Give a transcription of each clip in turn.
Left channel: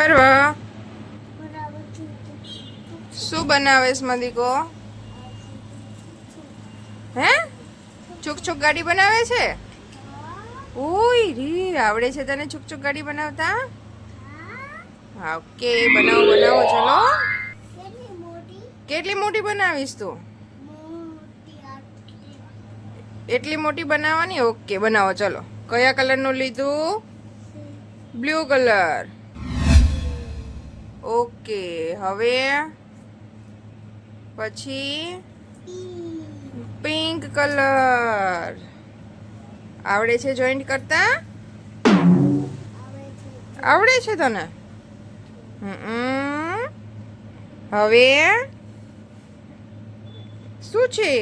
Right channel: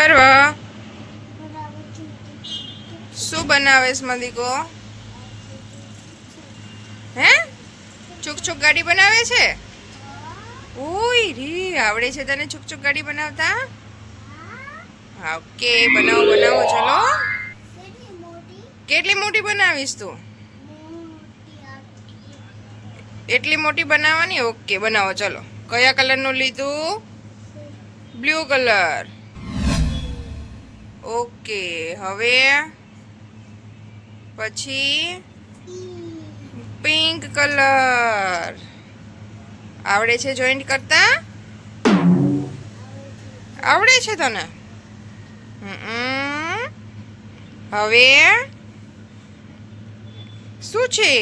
પરવા શું બનાવેશ મદીકો? હે છુક છુક ગાડી બનાવે છે? ઓય રી આવડે છે તને છુક છુક ગાડી બનાવતા? હા ઓકે બનાવો બનાવો ચલો. કેટલી મોટી બનાવીશ તું? એટલી મોટી બનાવવાની? ઓકે બનાવો ચલો. કયા કલરનું લીધું? Blue colour. ઓકે હવે પછી પિંક કલર. આવડે છે જોઈન્ટ કરતા? આવડે છે તને? હવે શું છે?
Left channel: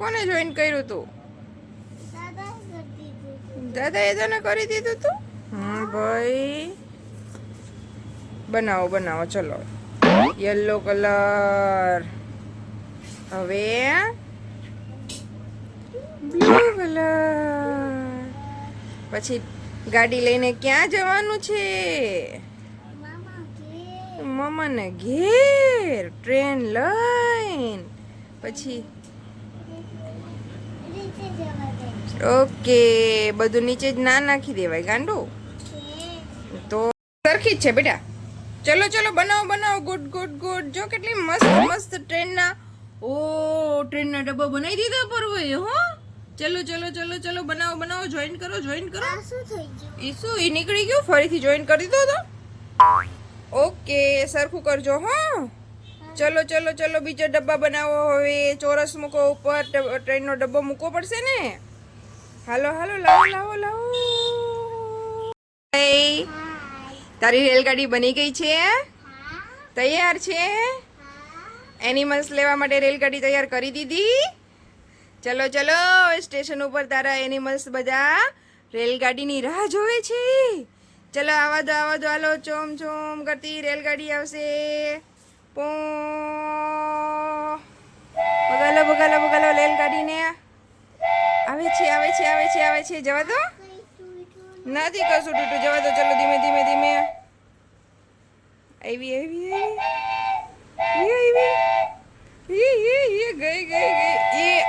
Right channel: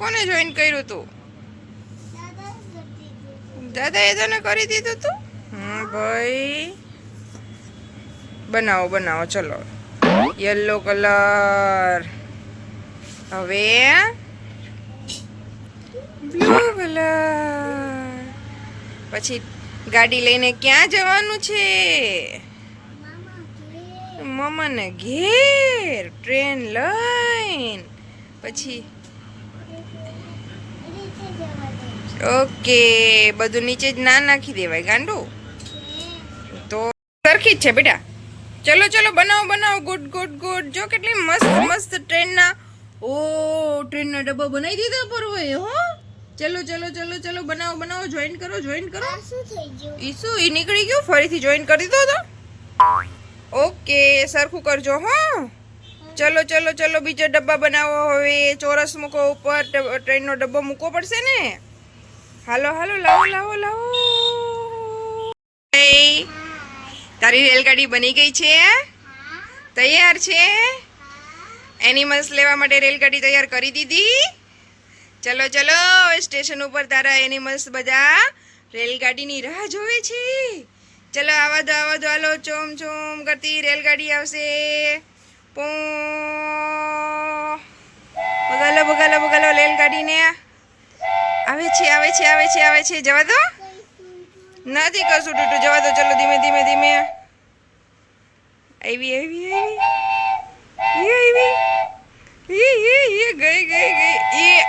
કોને જોઈન કર્યું તું? દાદાએ તને કરી દીધું તું? ભાઈ બનાવો બનાવો ચલો. Yellow colour. હવે બ્લુ કલર. પછી ગાડી લઈને ક્યાં જવાનું છે? મમ્માને ઘેર ટ્રેન લઈને. પછી ઓકે બધું નીચે જ ના નાખી દેવાય ગાંડું તો સરખી જ છે બેટા. ચલો ચલો બનાવો બનાવો. Good good good. જો કેટલી મસ્ત મસ્ત ટ્રેનના ટ્રેનના ડબ્બા બનાવી દીધા પર હોય હો. ચલો ચલો ચલો ચલો બનાવો બનાવો. જોઈન કરો જોઈન કરો. ઈ શું ઈ નીકળી ગયું? ફરીથી જોઈન કરી દો તો. ઓકે સરખું કરજો હા. ચલો ચલો ચલો બીજો ડબ્બા બનાવો. હવે ચોરસ મૂકો ઉપર. ટ્રેનનો ડબ્બો મૂકવો પડશે ને. હાલો હાલો લાવો લાવો લાવો. તારી રેલગાડી બની ગઈ છે? તૈયાર છે? એનિમલ્સ લેવા માટે રેલગાડી તૈયાર કરી દીધી? ચલો ચલો સ્ટેશન ઉપર તારા એનિમલ્સ બધા રેલગાડીની રાહ જોવે છે. ચલો આવા દો હાલો. ચોમ ચોમ કરતી રેલગાડી આવશે. પો બગાલો બગાલો બગાલો રેલગાડીને. આવે છે આવે છે આવે છે આવે છે. જવા દો. નથી કશું તૂટું. જવા દો ચલો ધીમે ધીમે ધીમે. આવી આવી આવી ગઈ ગઈ ગઈ.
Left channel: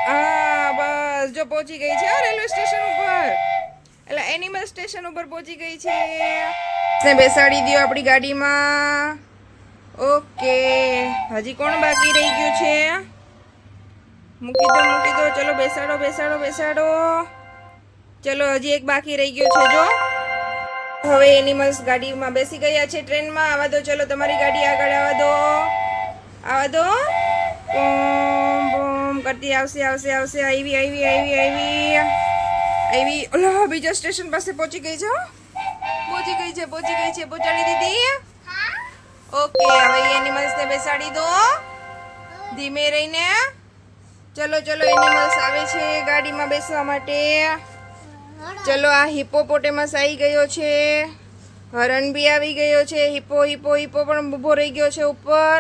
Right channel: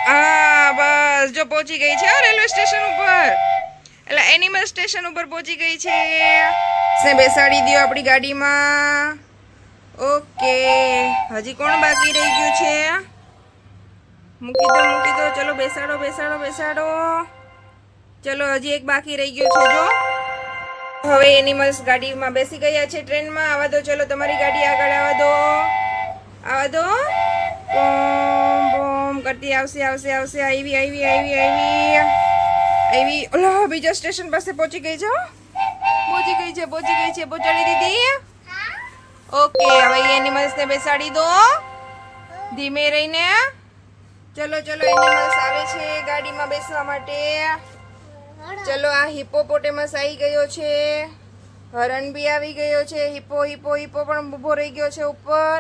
બસ જો પહોંચી ગઈ છે રેલવે સ્ટેશન ઉપર. એટલે એનિમલ સ્ટેશન ઉપર પહોંચી ગઈ છે. બેસાડી દો આપણી ગાડીમાં. ઓકે હજી કોણ બાકી રહી ગયું છે? મૂકી દો ચલો બેસાડો બેસાડો બેસાડો. ચલો હજી એક બાકી રહી ગયું છે જો. હવે એનિમલ્સ ગાડીમાં બેસી ગયા છે ટ્રેનમાં. આવા દો ચલો તમારી ગાડી આગળ આવા દો. આવા દો. બોમ બોમ કરતી આવશે આવશે આવશે. આવી આવી આવી આવી આવી. ઓલા બીજા સ્ટેશન પાસે પહોંચી ગઈ છે. પહોંચી ગઈ છે પહોંચી ગઈ છે. પહોંચાડી દીધી. ઓકે હવે એનિમલ્સને બેસાડી દો ધીમે રહીને. ચલો ચલો એનિમલ્સ આવે છે ગાડીમાં બેસવા માટે. ચલો આ હિપ્પોપોટેમસ આવી ગયો છે. હરણ બી આવી ગયો છે. હિપ્પો હિપ્પો હિપ્પો પણ ઊભો રહી ગયો છે ઉપર.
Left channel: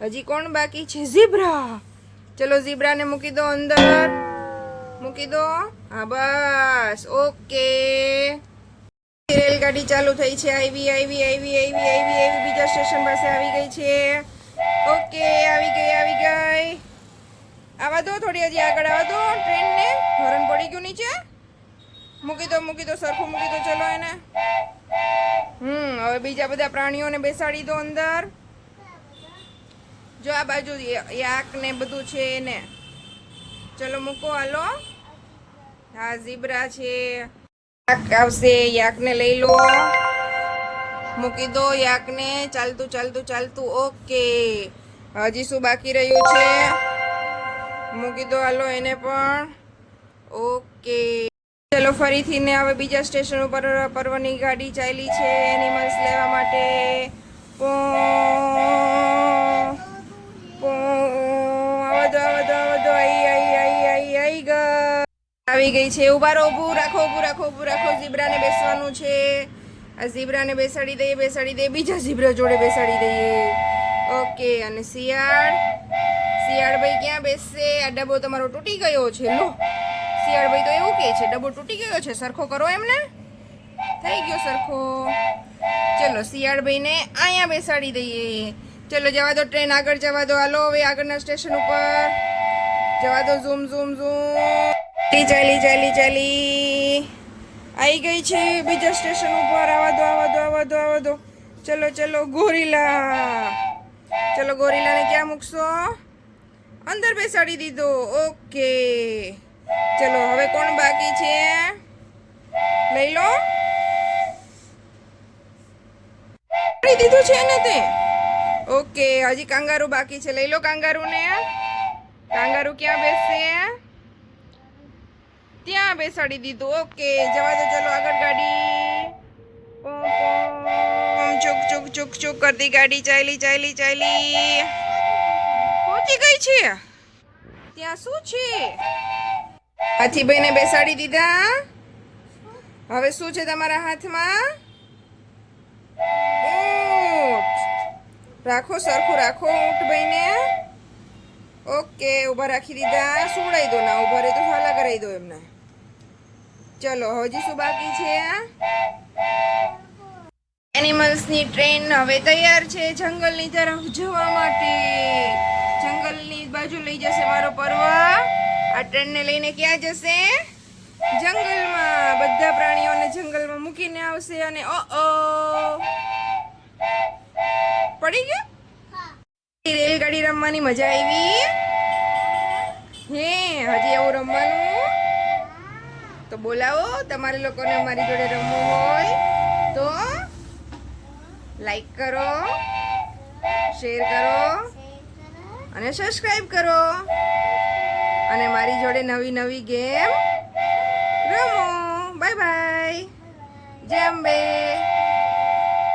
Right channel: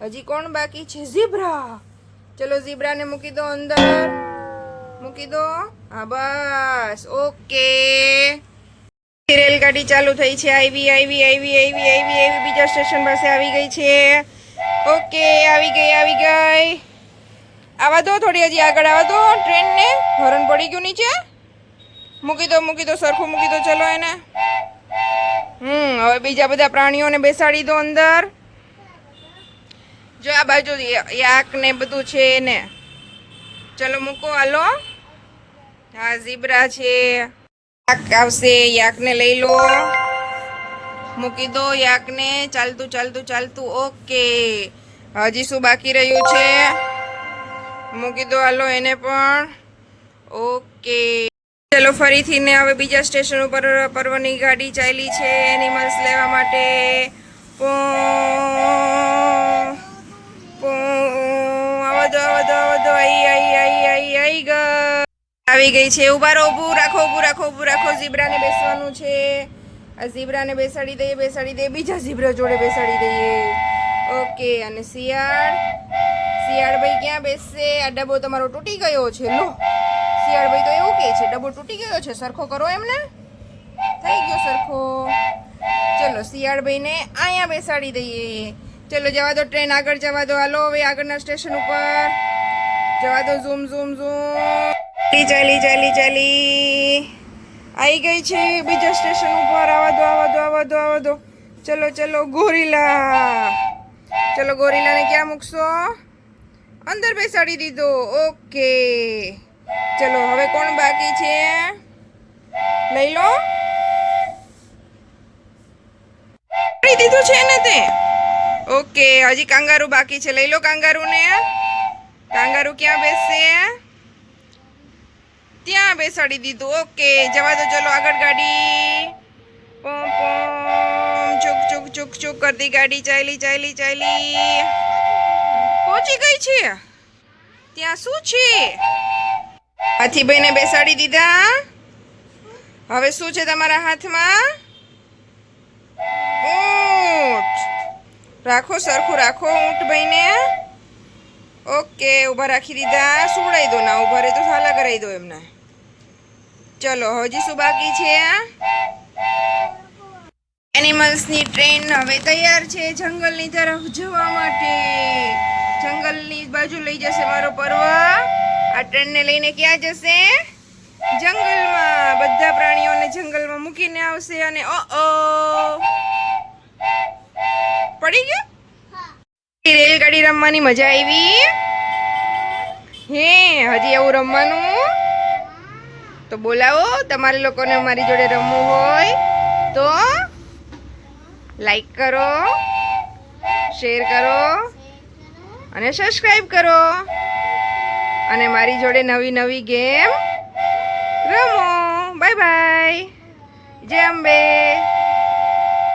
હજી કોણ બાકી છે? ઝીબ્રા. ચલો ઝીબ્રાને મૂકી દો અંદર. મૂકી દો. હા બસ ઓકે. રેલગાડી ચાલુ થઈ છે. આવી આવી આવી આવી આવી આવી બીજા સ્ટેશન પાસે આવી ગઈ છે. ઓકે આવી ગઈ આવી ગઈ. આવા દો થોડી હજી આગળ આવા દો ટ્રેનને. હરણ પડી ગયું નીચે. મૂકી દો સરખું મૂકી દો ચલો એને. હવે બીજા બધા પ્રાણીઓને બેસાડી દો અંદર. જો આ બાજુ યાક ને બધું છે એને. ચલો મૂકો હાલો. હા ઝીબ્રા છે. યાક આવશે. યાકને લઈ લો. મૂકી દો યાકને. ચાલતું ચાલતું ચાલતું. ઓકે હજી શું બાકી રહ્યું છે? મૂકી દો હાલો એને પણ. ઓકે ચલો ફરીથી ને હવે બીજા સ્ટેશન ઉપર પર્વની ગાડી ચાલી છે એનિમલ્સ લેવા માટે. આવી ગઈ છે. ઊભા રહો. ઊભું રાખો ઊભું રાખો ઊભું રાખો. ઝીબ્રાને બેસવાનું છે. આ ઝીબ્રાને બેસાડી દઈએ બેસાડી દઈએ. બીજા ઝીબ્રા જોડે બેસાડી દઈએ. ઓકે અને શિયાળ ભાઈ ક્યાં બેસશે? આ ડબ્બો તમારો તૂટી ગયો છે. લો શિયાળભાઈ તો એવું કહે છે ડબ્બો તૂટી ગયો છે. સરખો કરો એમને. થઈ ગયો સરખો. ચાલો શિયાળભાઈને અહીંયા બેસાડી દઈએ. ચલો જવા દો, ટ્રેન આગળ જવા દો. હાલો હવે આગળના સ્ટેશન ઉપર જવા દો. Zoom zoom zoom. ચાલી ચાલી ચાલી આવી ગઈ છે બીજા સ્ટેશન ઉપર. આવા દો આવા દો આવા દો આવા દો. ચલો ચલો ગોરીલા. ચલો ગોરીલાને ક્યાં મૂકશો? અંદર બેસાડી દીધો. ઓકે ચલો હવે કોણ બાકી છે? લઈ લો. દીધું છે ને તે. ઓકે હજી કાંગારૂ બાકી છે. લઈ લો કાંગારૂને. કાંગારૂ ક્યાં બેસશે? ત્યાં બેસાડી દીધું. ઓકે જવા દો. ચલો આગળ ગાડી. પોમ પોમ ચુક ચુક ચુક ચુક કરતી ગાડી ચાલી ચાલી ચાલી પહોંચી ગઈ છે. ત્યાં શું છે? હાથીભાઈને બેસાડી દીધા. હવે શું છે તમારા હાથમાં? ઊંટ. રાખો સરખું રાખો ઊંટભાઈને. ઓકે ઊભા રાખી દીધા. સુવડાવી દો. ના ઊભા રહે તો સાલા કરાવી દો એમને. ચલો હજી શું બાકી છે? એનિમલ્સની ટ્રેન હવે તૈયાર છે જંગલની તરફ જવા માટે. જંગલની બાજુ લઈ જશે મારો પર્વ. આ ટ્રેનને લઈને ક્યાં જશે? જંગલમાં. બધા પ્રાણીઓને જંગલમાં મૂકીને આવશે. અને પડી ગયો. રેલગાડી રમવાની મજા આવી? હે હજી એવું રમવાનું? તો બોલાવો. તમારે લોકોને અમારી જોડે રમવું હોય તો લાઈક કરો, શેર કરો અને સબસ્ક્રાઈબ કરો. અને મારી જોડે નવી નવી ગેમ રમો. Bye bye. જય અંબે.